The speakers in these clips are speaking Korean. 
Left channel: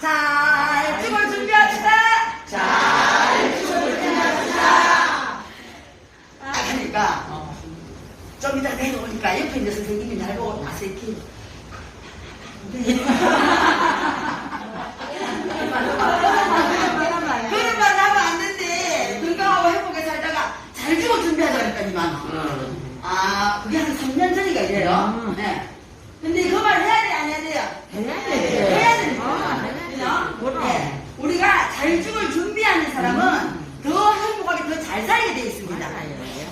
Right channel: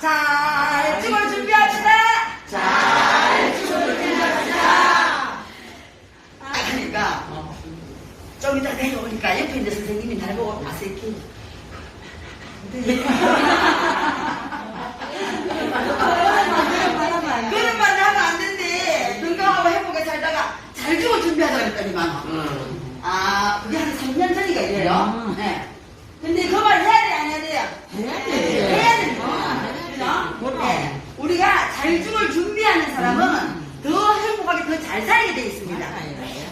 잘 죽을 준비합시다. 잘 죽을 준비합시다. 하니까 좀 이따 내려오니까 옆에 있는 선생님이 날 보고 와서 이렇게 그런 말 하면 안 된대. 건강하고 행복하게 살다가 잘 죽을 준비하자 했더니만. 아, 그게 한 3년 전이가 이래요. 네. 근데 그 말 해야 돼, 안 해야 돼요? 해야 거야. 그죠? 네. 우리가 잘 죽을 준비하는 사람은 더 행복하게 더 잘 살게 돼 있습니다.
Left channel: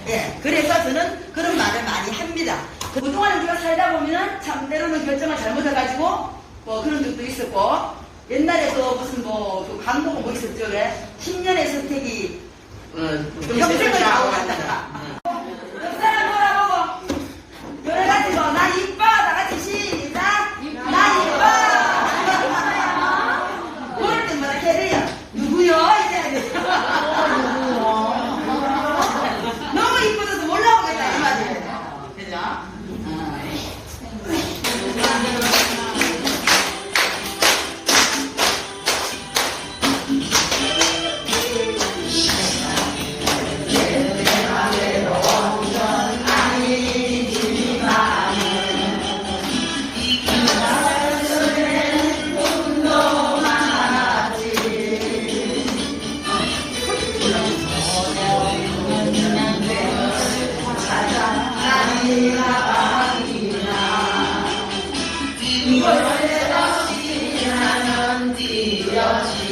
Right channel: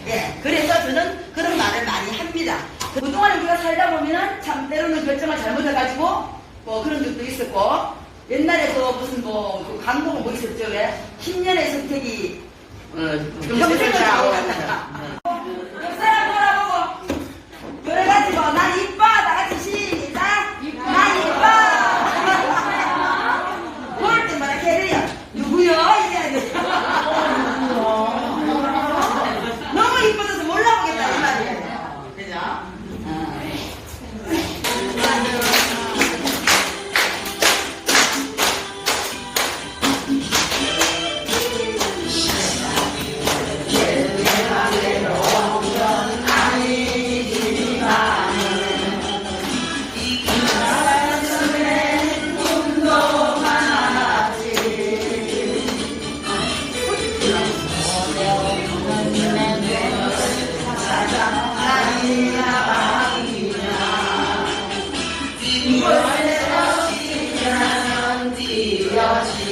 예, 그래서 저는 그런 말을 많이 합니다. 그동안 우리가 살다 보면 참 때로는 결정을 잘못해가지고 뭐 그런 적도 있었고 옛날에 또 무슨 뭐그 광고가 뭐 있었죠 왜 10년의 선택이 평생을 가고 간다. 이곳에서 지나는 뛰어진